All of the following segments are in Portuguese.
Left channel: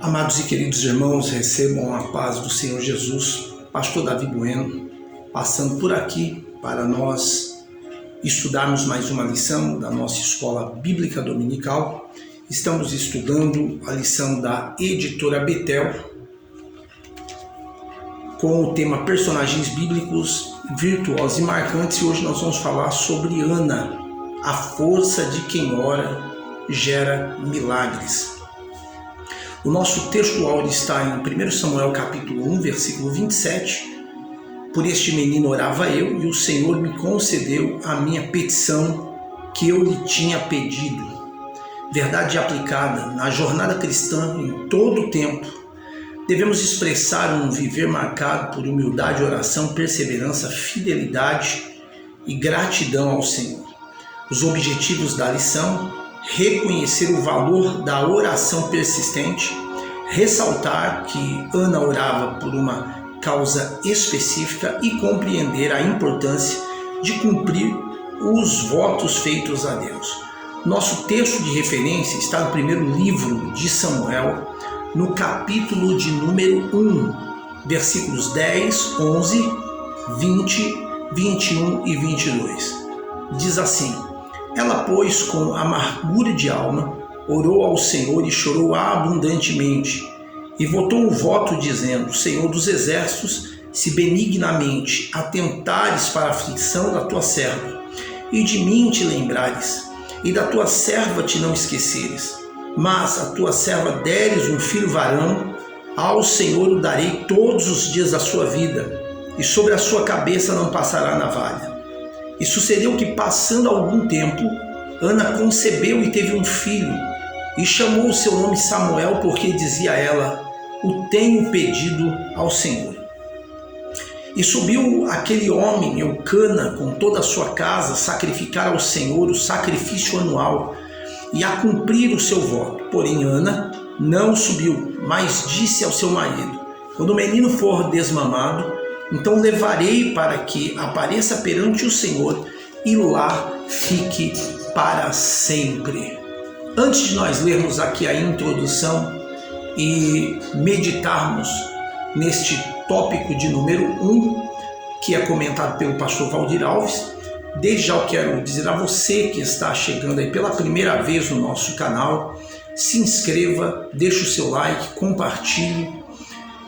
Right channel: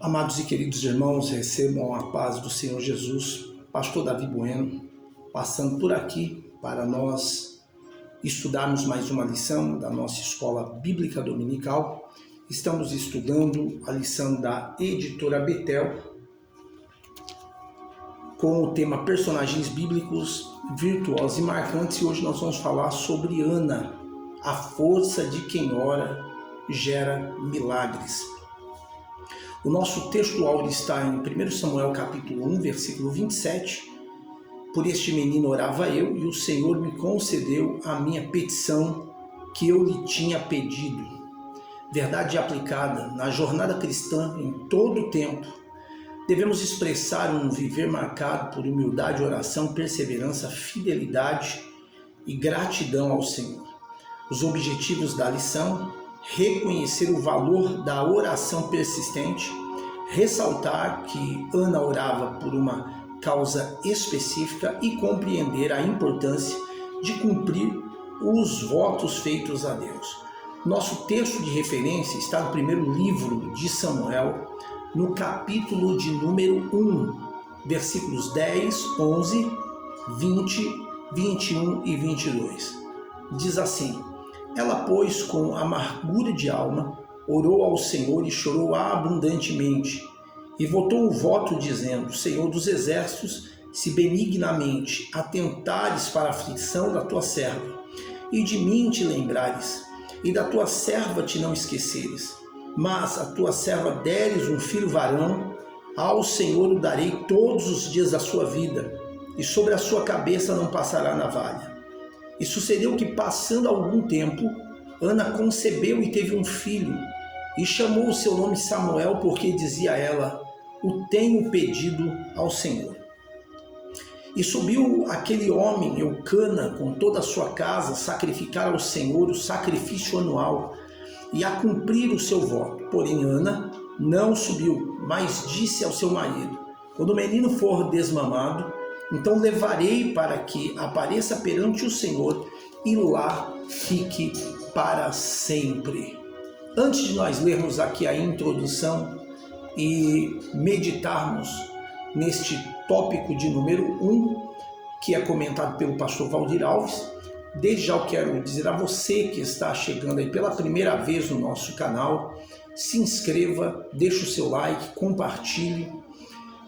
Amados e queridos irmãos, recebam a paz do Senhor Jesus. Pastor Davi Bueno, passando por aqui para nós estudarmos mais uma lição da nossa Escola Bíblica Dominical. Estamos estudando a lição da Editora Betel com o tema Personagens Bíblicos Virtuosos e Marcantes, e hoje nós vamos falar sobre Ana, a força de quem ora gera milagres. O nosso texto áudio está em 1 Samuel capítulo 1, versículo 27. Por este menino orava eu, e o Senhor me concedeu a minha petição que eu lhe tinha pedido. Verdade aplicada na jornada cristã em todo o tempo. Devemos expressar um viver marcado por humildade, oração, perseverança, fidelidade e gratidão ao Senhor. Os objetivos da lição: reconhecer o valor da oração persistente, ressaltar que Ana orava por uma causa específica e compreender a importância de cumprir os votos feitos a Deus. Nosso texto de referência está no primeiro livro de Samuel, no capítulo de número 1, versículos 10, 11, 20, 21 e 22. Diz assim: Ela, pois, com amargura de alma, orou ao Senhor e chorou abundantemente, e votou o voto dizendo: Senhor dos exércitos, se benignamente atentares para a aflição da tua serva, e de mim te lembrares, e da tua serva te não esqueceres, mas a tua serva deres um filho varão, ao Senhor o darei todos os dias da sua vida, e sobre a sua cabeça não passará navalha. E sucedeu que, passando algum tempo, Ana concebeu e teve um filho, e chamou o seu nome Samuel, porque dizia a ela: O tenho pedido ao Senhor. E subiu aquele homem, Eucana, com toda a sua casa, sacrificar ao Senhor o sacrifício anual, e a cumprir o seu voto. Porém Ana não subiu, mas disse ao seu marido: Quando o menino for desmamado, então levarei para que apareça perante o Senhor, e lá fique para sempre. Antes de nós lermos aqui a introdução e meditarmos neste tópico de número 1, que é comentado pelo pastor Valdir Alves, desde já eu quero dizer a você que está chegando aí pela primeira vez no nosso canal: se inscreva, deixe o seu like, compartilhe,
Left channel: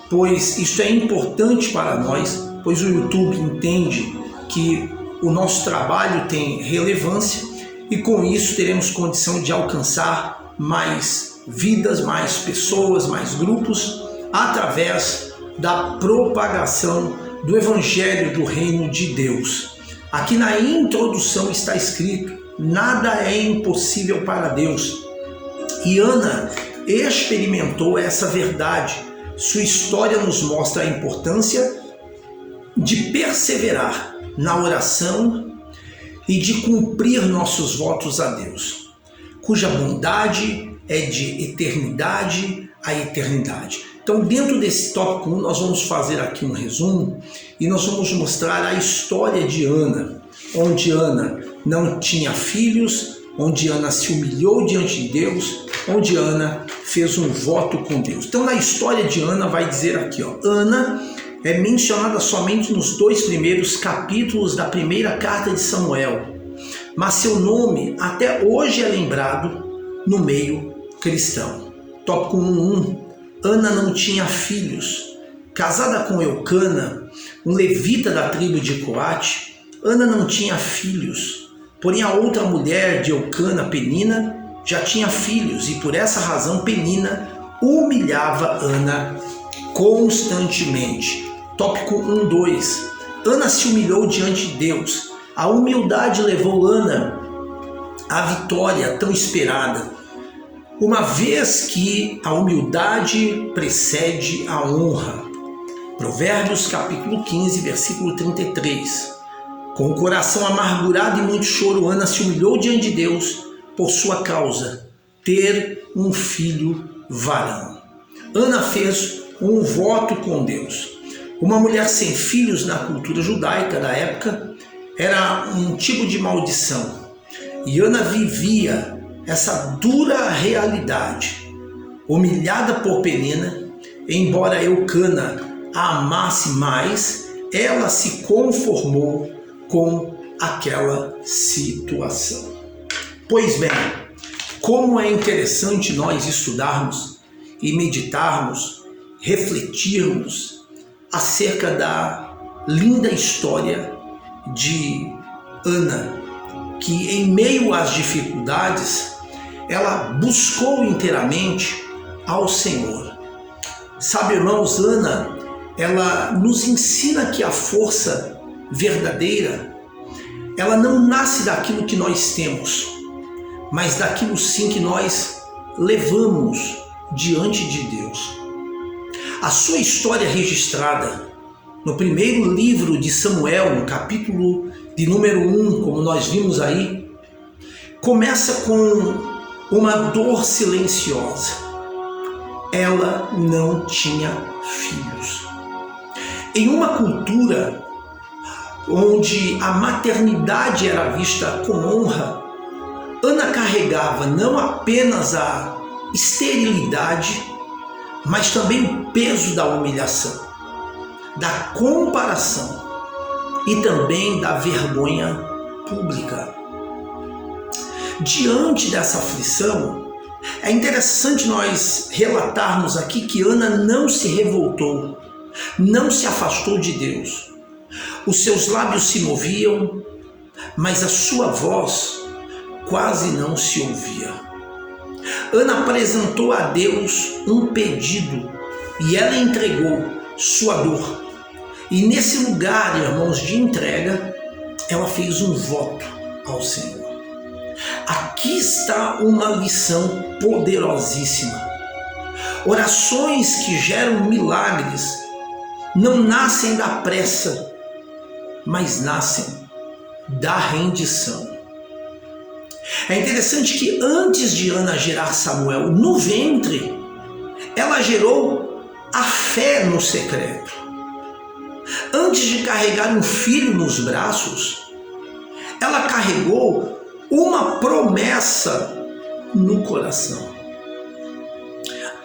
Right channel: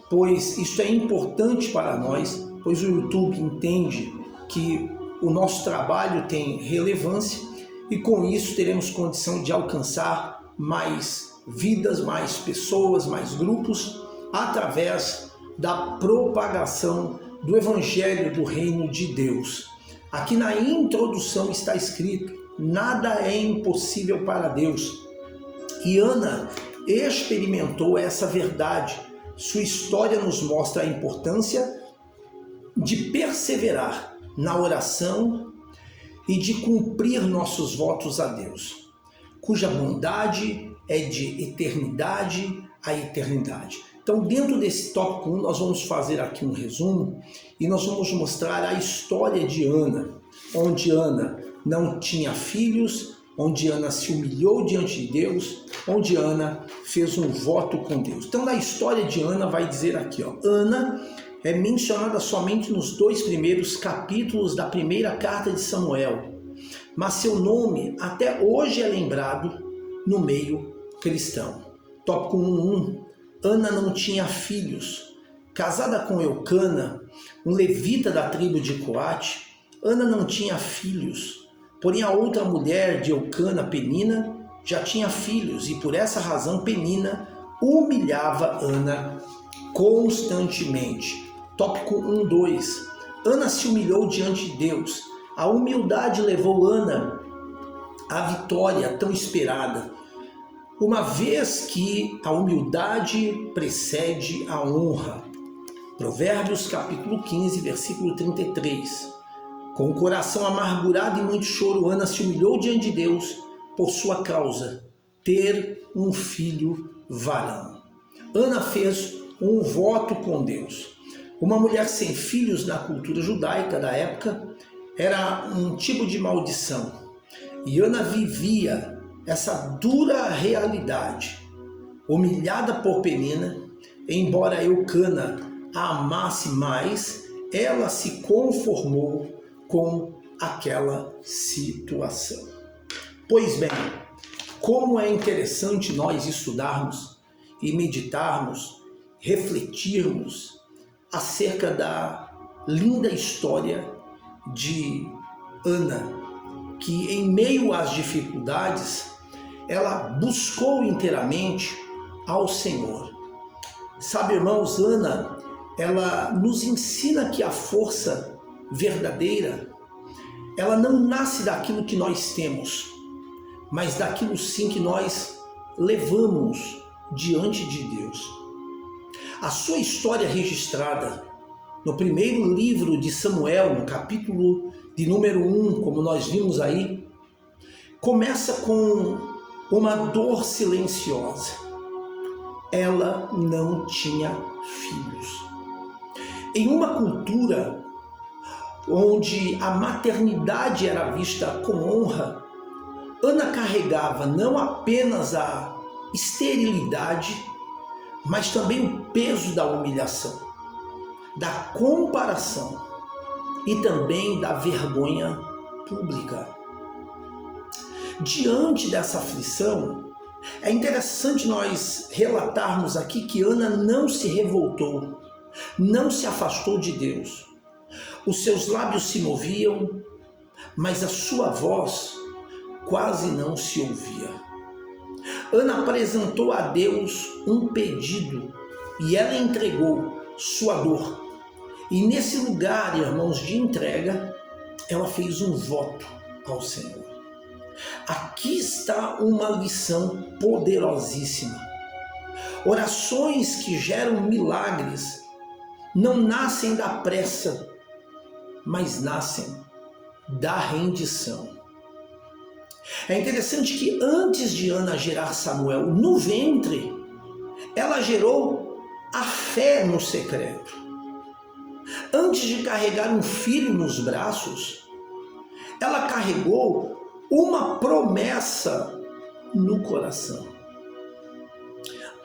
pois isso é importante para nós, pois o YouTube entende que o nosso trabalho tem relevância e com isso teremos condição de alcançar mais vidas, mais pessoas, mais grupos, através da propagação do Evangelho do Reino de Deus. Aqui na introdução está escrito: nada é impossível para Deus. E Ana experimentou essa verdade. Sua história nos mostra a importância de perseverar na oração e de cumprir nossos votos a Deus, cuja bondade é de eternidade a eternidade. Então, dentro desse tópico 1, nós vamos fazer aqui um resumo e nós vamos mostrar a história de Ana, onde Ana não tinha filhos, onde Ana se humilhou diante de Deus, onde Ana fez um voto com Deus. Então, na história de Ana, vai dizer aqui, Ana é mencionada somente nos 2 primeiros capítulos da primeira carta de Samuel, mas seu nome até hoje é lembrado no meio cristão. Tópico 1.1: Ana não tinha filhos. Casada com Eucana, um levita da tribo de Coate, Ana não tinha filhos. Porém, a outra mulher de Eucana, Penina, já tinha filhos, e por essa razão Penina humilhava Ana constantemente. Tópico 1.2: Ana se humilhou diante de Deus. A humildade levou Ana à vitória tão esperada, uma vez que a humildade precede a honra. Provérbios capítulo 15, versículo 33. Com o coração amargurado e muito choro, Ana se humilhou diante de Deus por sua causa, ter um filho varão. Ana fez um voto com Deus. Uma mulher sem filhos na cultura judaica da época era um tipo de maldição. E Ana vivia essa dura realidade. humilhada por Penina, embora Eucana a amasse mais, ela se conformou com aquela situação. Pois bem, como é interessante nós estudarmos e meditarmos, refletirmos acerca da linda história de Ana, que em meio às dificuldades, ela buscou inteiramente ao Senhor. Sabe, irmãos, Ana, ela nos ensina que a força verdadeira, ela não nasce daquilo que nós temos, mas daquilo sim que nós levamos diante de Deus. A sua história registrada no primeiro livro de Samuel, no capítulo de número 1, como nós vimos aí, começa com uma dor silenciosa. Ela não tinha filhos. Em uma cultura onde a maternidade era vista com honra, Ana carregava não apenas a esterilidade, mas também o peso da humilhação, da comparação e também da vergonha pública. Diante dessa aflição, é interessante nós relatarmos aqui que Ana não se revoltou, não se afastou de Deus. Os seus lábios se moviam, mas a sua voz quase não se ouvia. Ana apresentou a Deus um pedido e ela entregou sua dor. E nesse lugar, irmãos, de entrega, ela fez um voto ao Senhor. Aqui está uma lição poderosíssima. Orações que geram milagres não nascem da pressa, mas nascem da rendição. É interessante que antes de Ana gerar Samuel no ventre, ela gerou a fé no secreto. Antes de carregar um filho nos braços, ela carregou uma promessa no coração.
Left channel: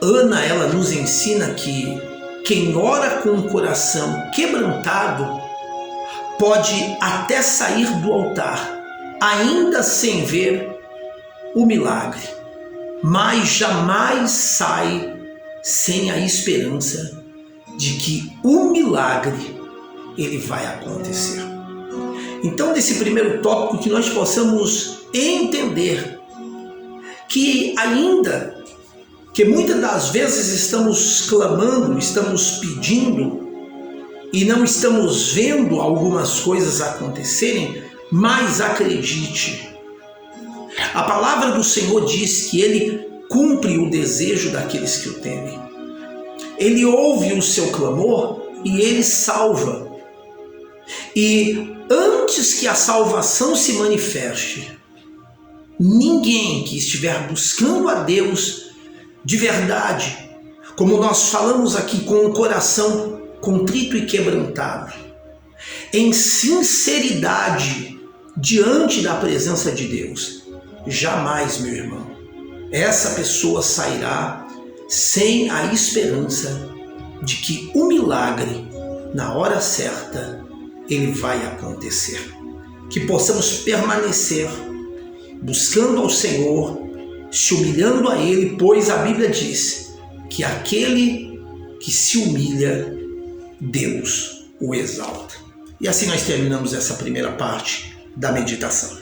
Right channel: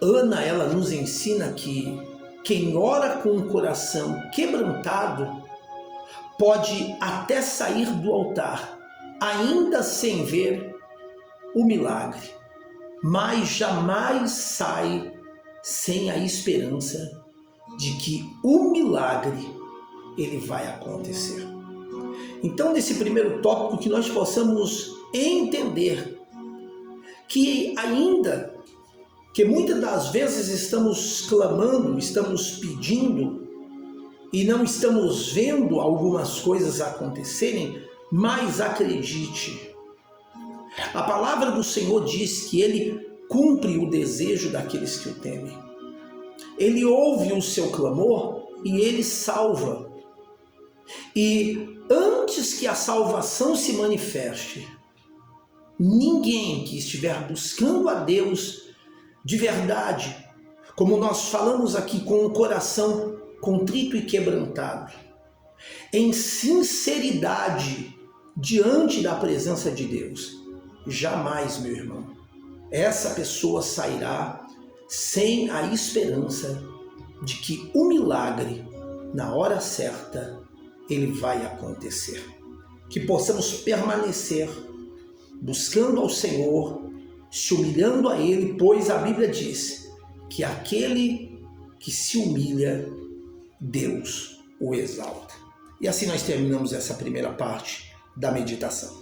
Ana, ela nos ensina que quem ora com o coração quebrantado pode até sair do altar, ainda sem ver o milagre, mas jamais sai sem a esperança de que o milagre ele vai acontecer. Então, nesse primeiro tópico, que nós possamos entender que ainda que muitas das vezes estamos clamando, estamos pedindo e não estamos vendo algumas coisas acontecerem, mas acredite, a palavra do Senhor diz que Ele cumpre o desejo daqueles que o temem. Ele ouve o seu clamor e Ele salva. E antes que a salvação se manifeste, ninguém que estiver buscando a Deus de verdade, como nós falamos aqui, com o coração contrito e quebrantado, em sinceridade diante da presença de Deus, jamais, meu irmão, essa pessoa sairá sem a esperança de que o milagre, na hora certa, ele vai acontecer. Que possamos permanecer buscando ao Senhor, se humilhando a Ele, pois a Bíblia diz que aquele que se humilha, Deus o exalta. E assim nós terminamos essa primeira parte da meditação.